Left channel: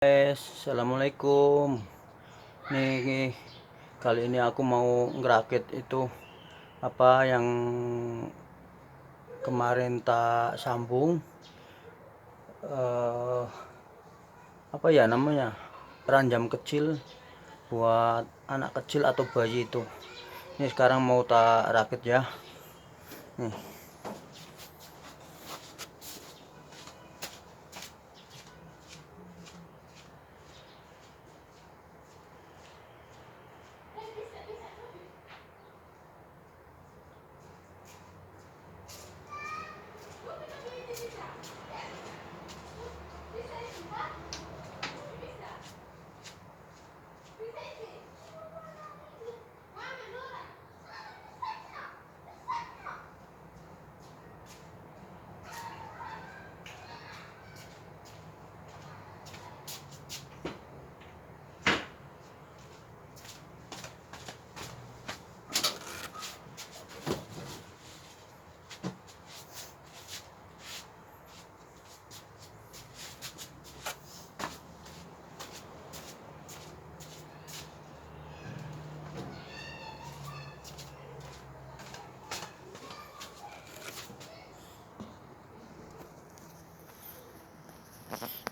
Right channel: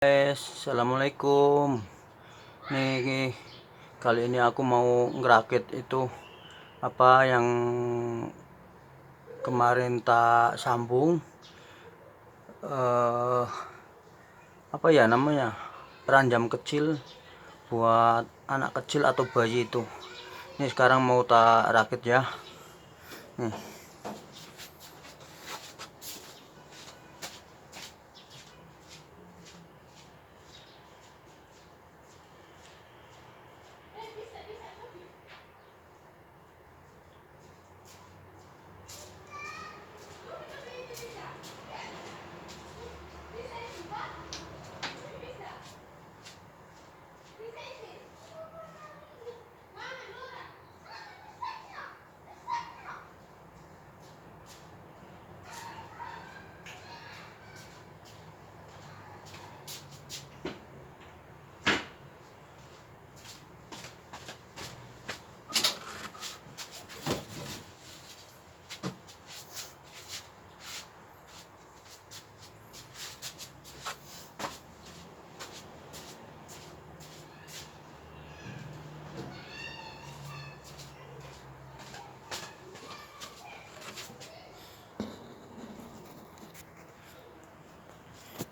Guys, assalamualaikum. Nih, kali ini aku mau ngerakit itu apa yang kemarin tak sambung. Apa ya namanya? Peranjam kecil buat anak kecil atau bayi itu. Ini sekarang mau tak rakit ya. Nih.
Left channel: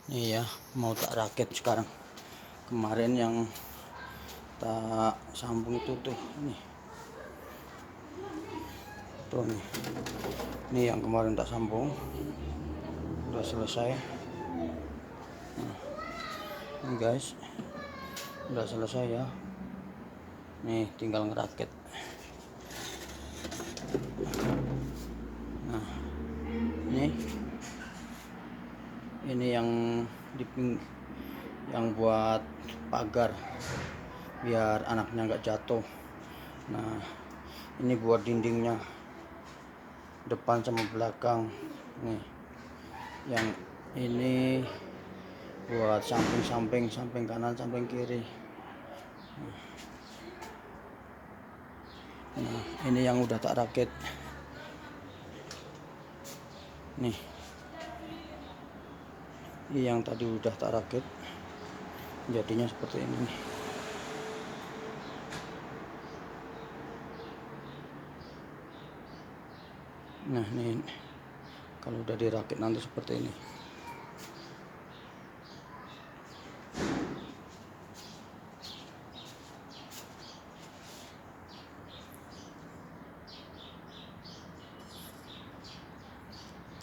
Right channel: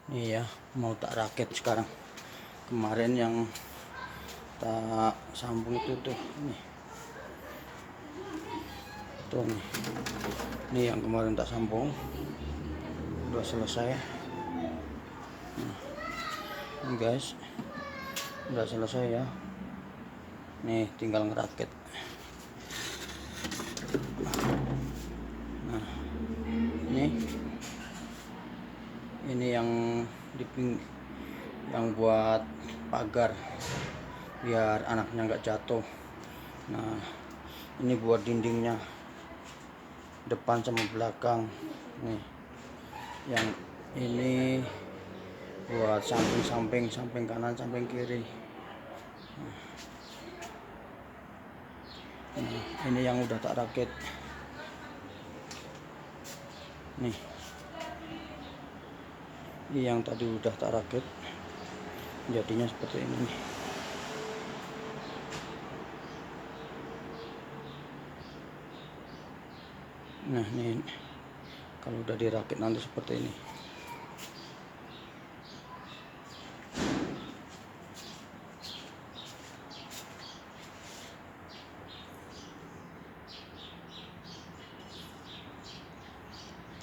Iya, mau tak rakit sekarang. Kemarin yang tak sambung itu tuh, nih. Tuh nih. Ini yang kemarin tak sambung. Udah selesai. Nah, ini guys. Udah selesai ya. Nih, tinggal ngerakit. Nah, ini yang yang buat pagar biar anaknya nggak jatuh. Nah, ini buat dindingnya depan sama belakang. Nih, yang ini buat samping kanan, samping kiri. Nah, ini yang udah tak rakit. Nih, ini yang tadi udah tak rakit, jadinya seperti ini nih. Nah, ini kalau udah dirakit nanti seperti ini.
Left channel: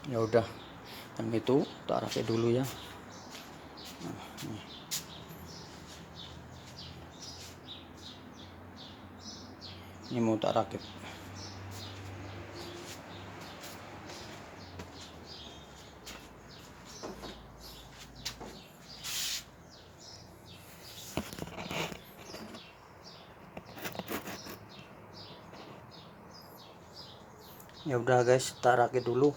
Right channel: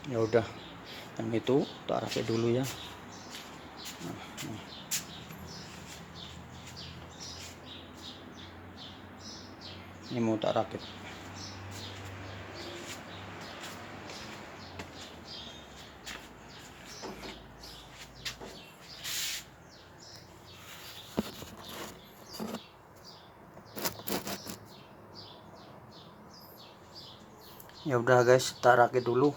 Ya udah, yang itu tak rakit dulu ya. Nah, ini mau tak rakit. Ya udah guys, tak rakit dulu.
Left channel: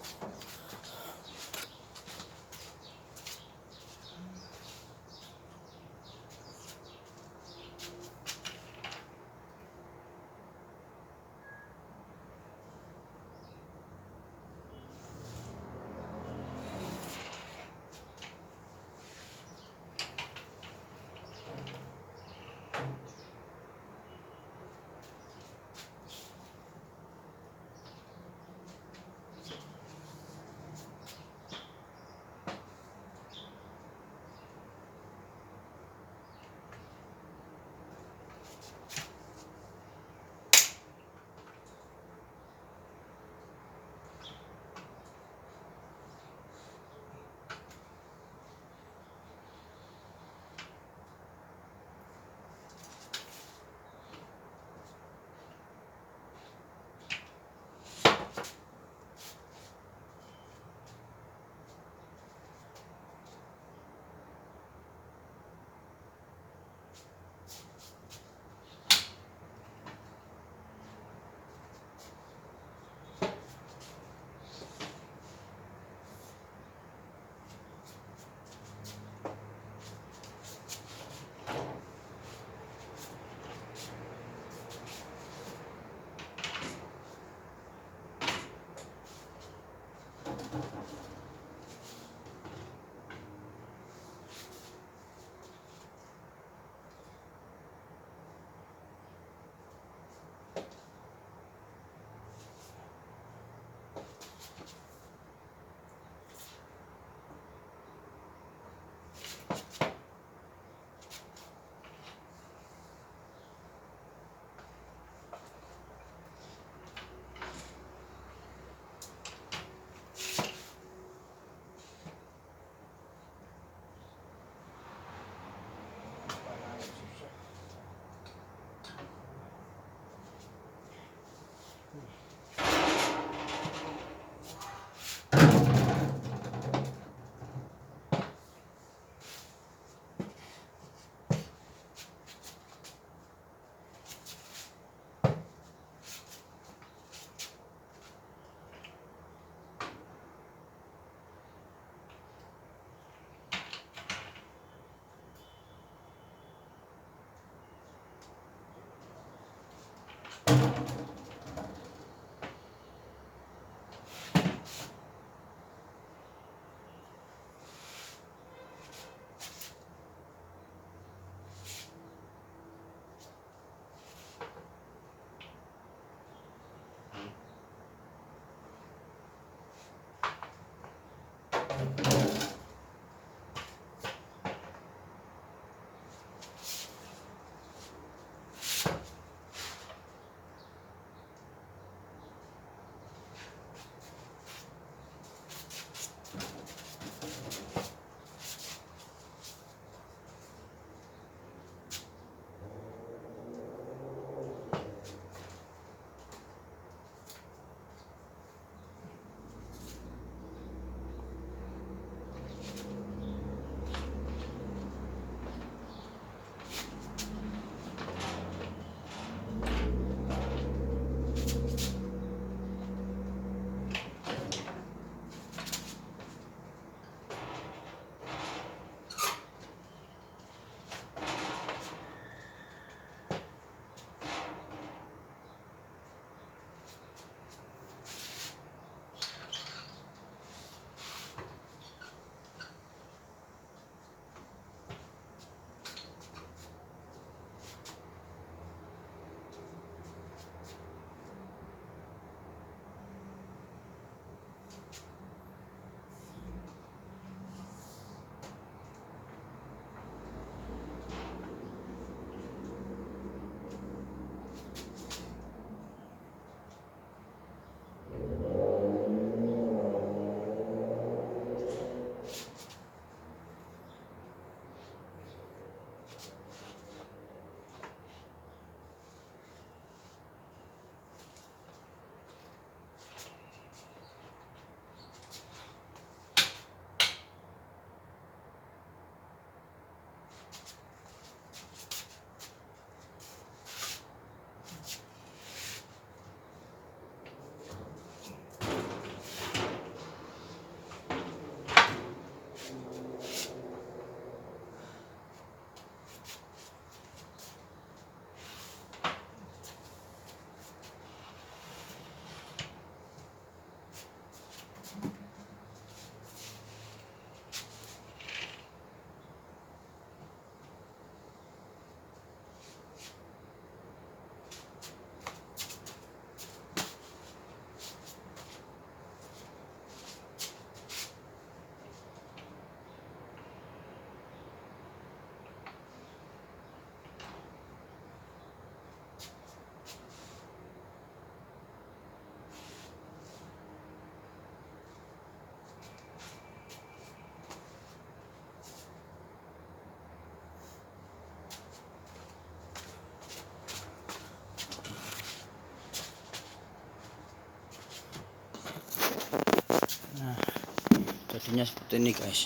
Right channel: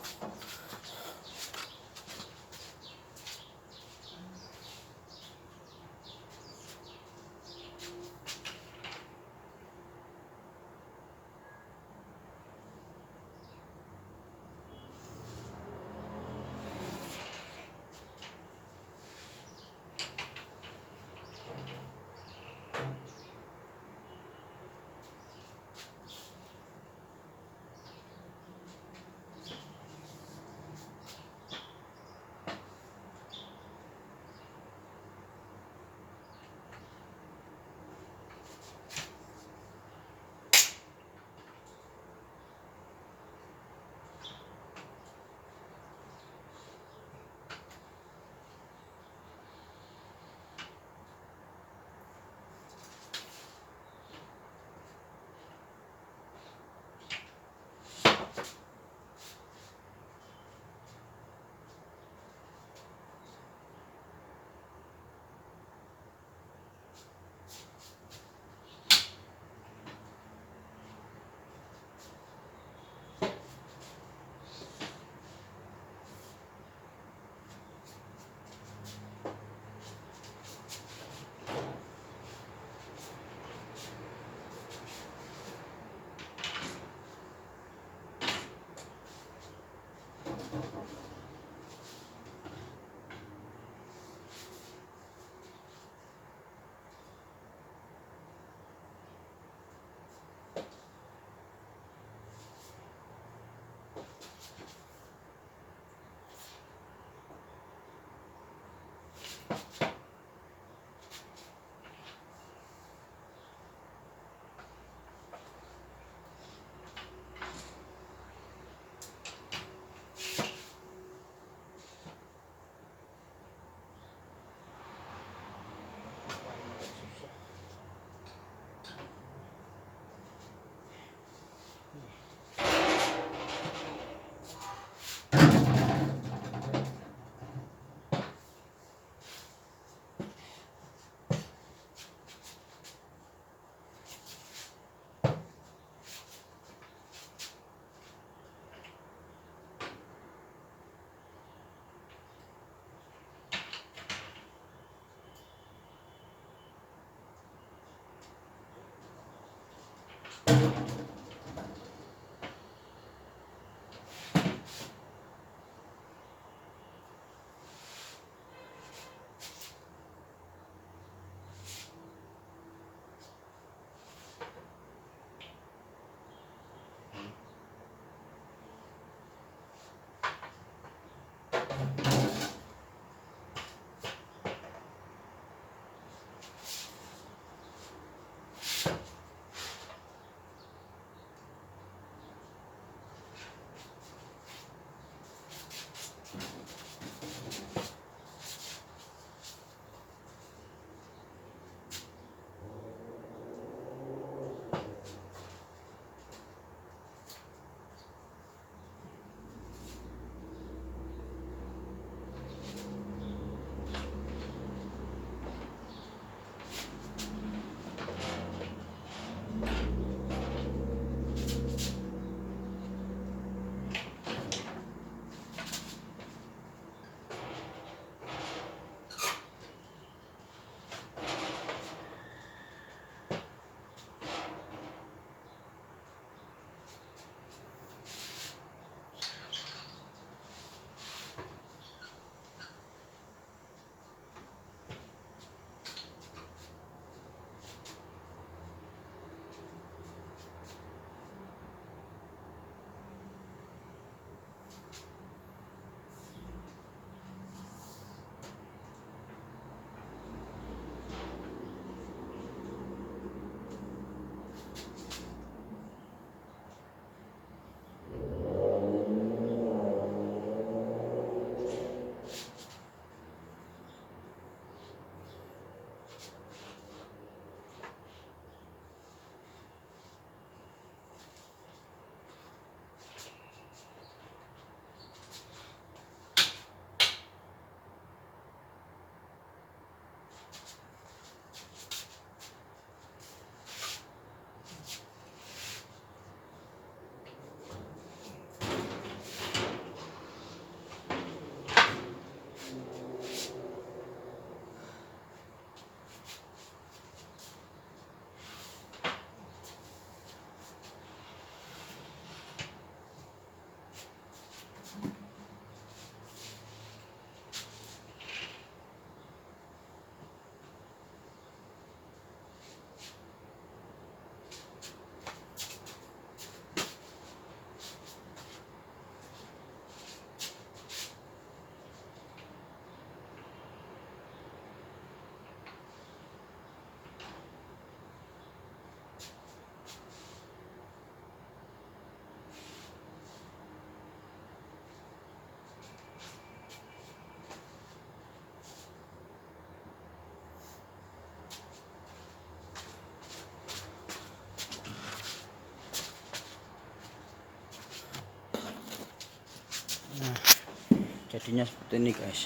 jadinya seperti ini guys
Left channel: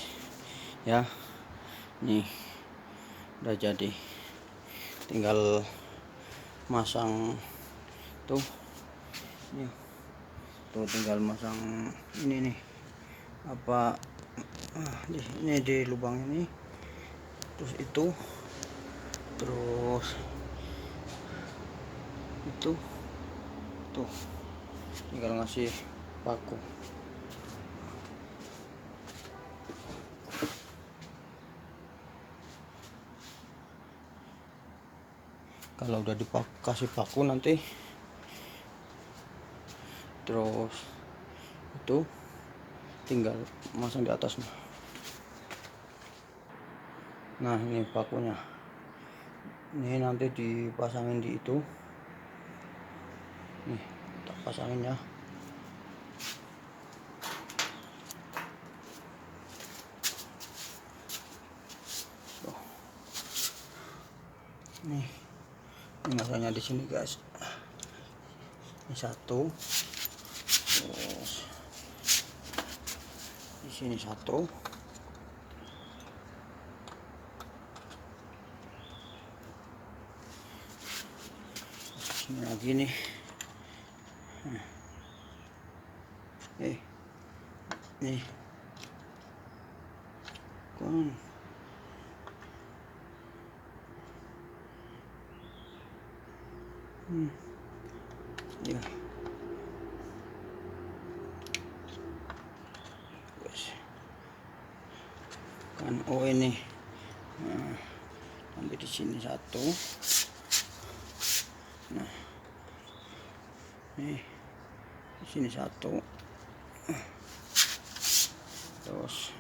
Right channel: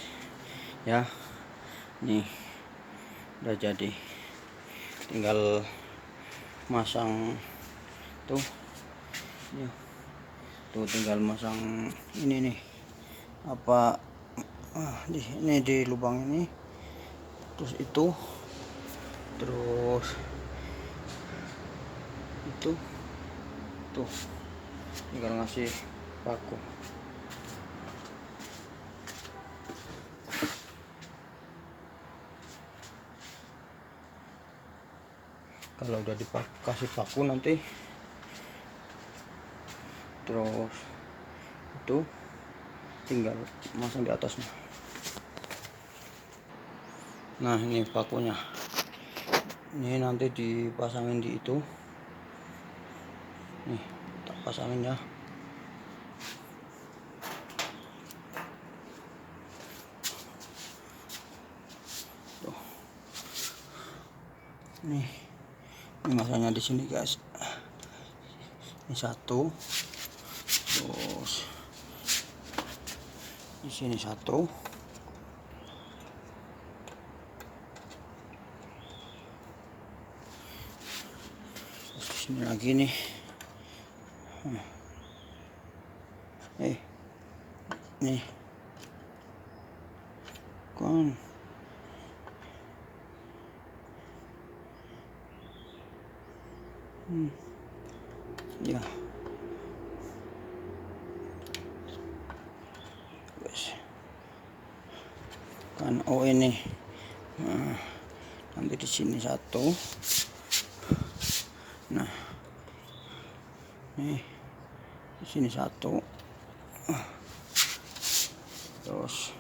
ya. Nih udah jadi, tinggal masang tuh ya, tuh tinggal masang ini nih apa ini di lubang ini, terus itu tuh tinggal ngasih paku. Kalau udah dikasih paku nanti terus itu tinggal masang di atasnya. Nah ini pakunya, ini nanti dipasangin di itu nih, tak pasangin ya. Tuh. Nih ini masangnya di sini guys, ini satu, terus di sini satu, terus di sini lagi nih. Nih kan ya guys kan. Oh ini nanti di sini satu, nah nih di sini satu, terus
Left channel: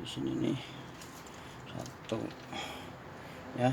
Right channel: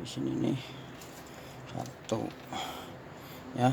di sini nih satu ya.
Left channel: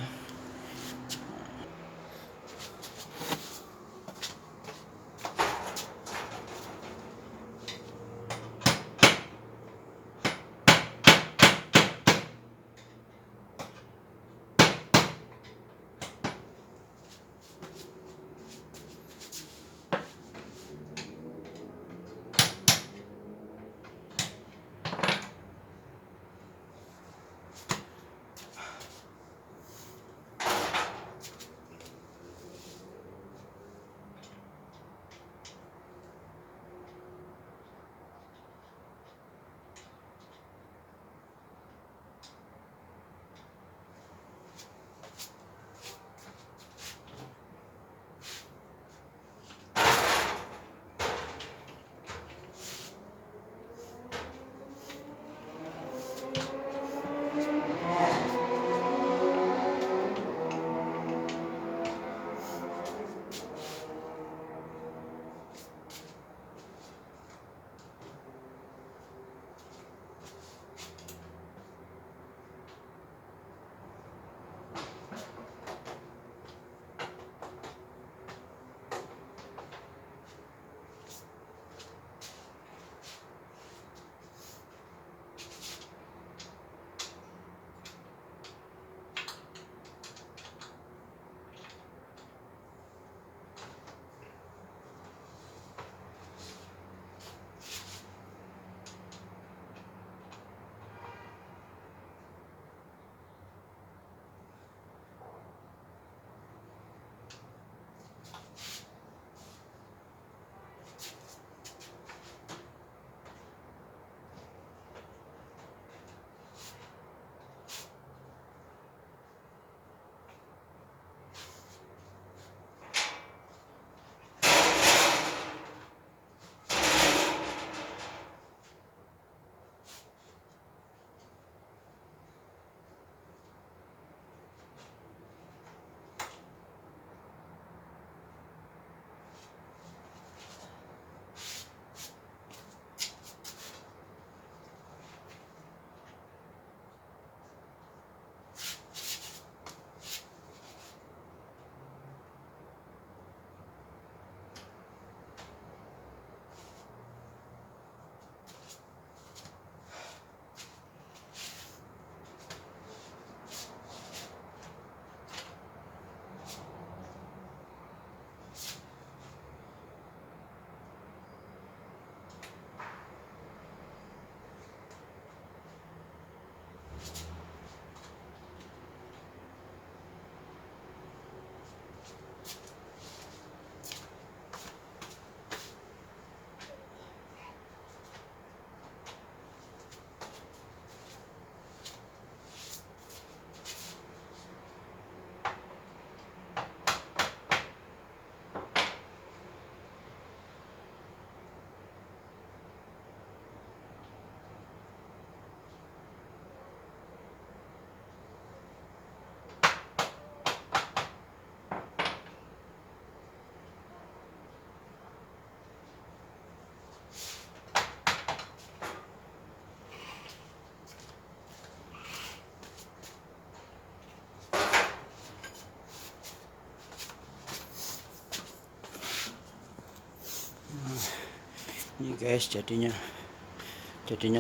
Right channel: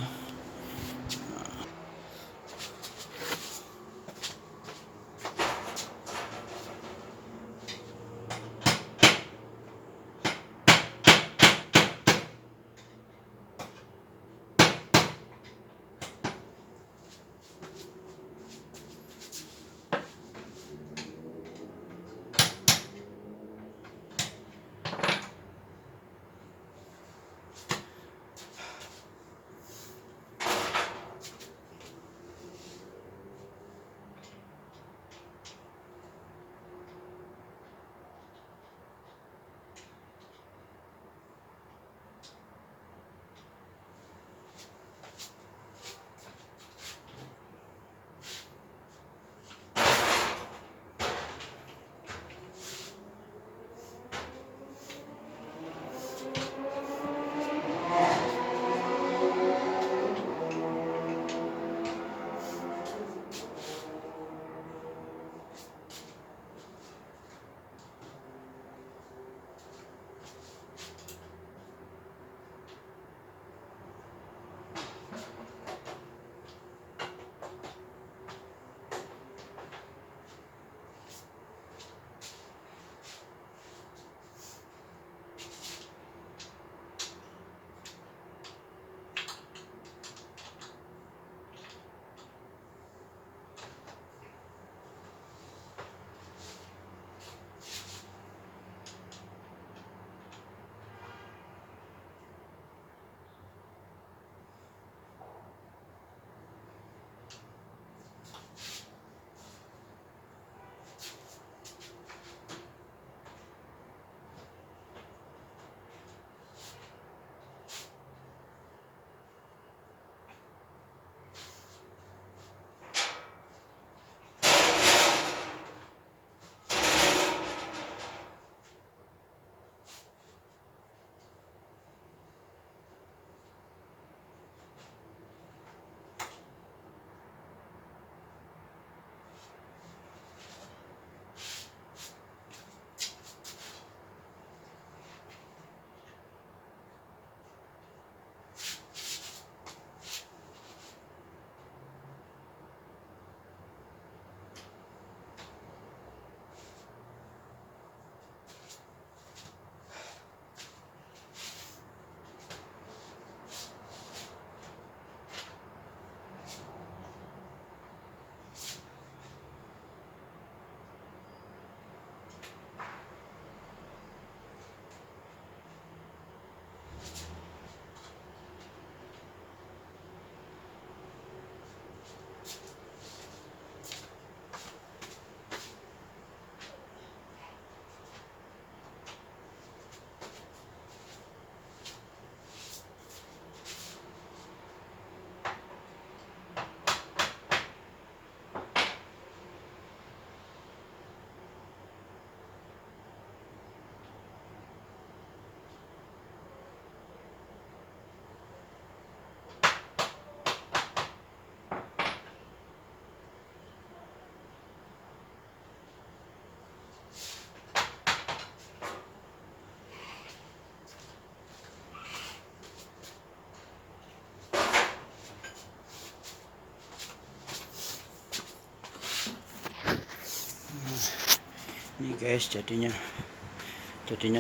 Ini guys, jadinya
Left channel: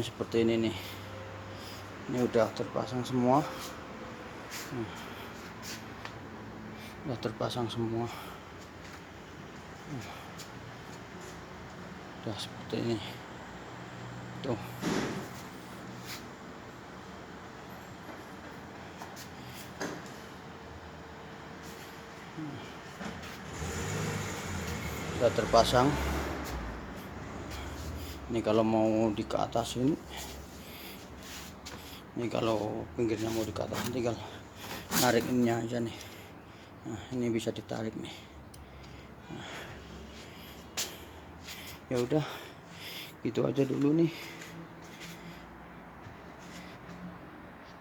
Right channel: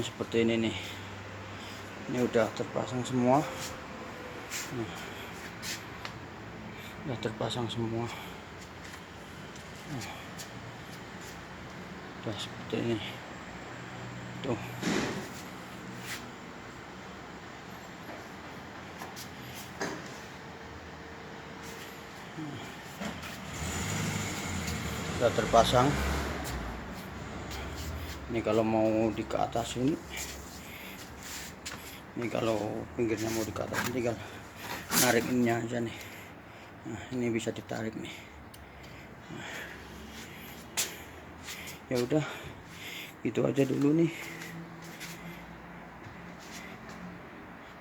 seperti ini nih. Ini udah terpasang semua. Udah terpasang semua. Udah seperti ini tuh. Udah terpasang. Ini kalau mau di ke atas ini kalau pinggirnya mau di ke atas, tinggal narik ininya aja nih. Nah, ini bisa ditarik nih. Nah, ya udah, gitu aja dulu nih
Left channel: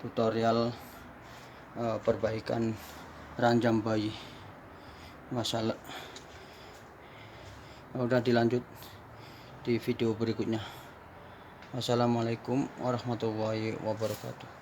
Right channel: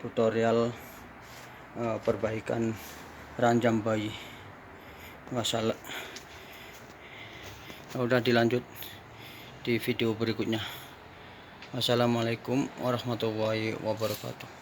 tutorial perbaikan ranjam bayi. Masalah udah, dilanjut di video berikutnya. Wassalamualaikum warahmatullahi wabarakatuh.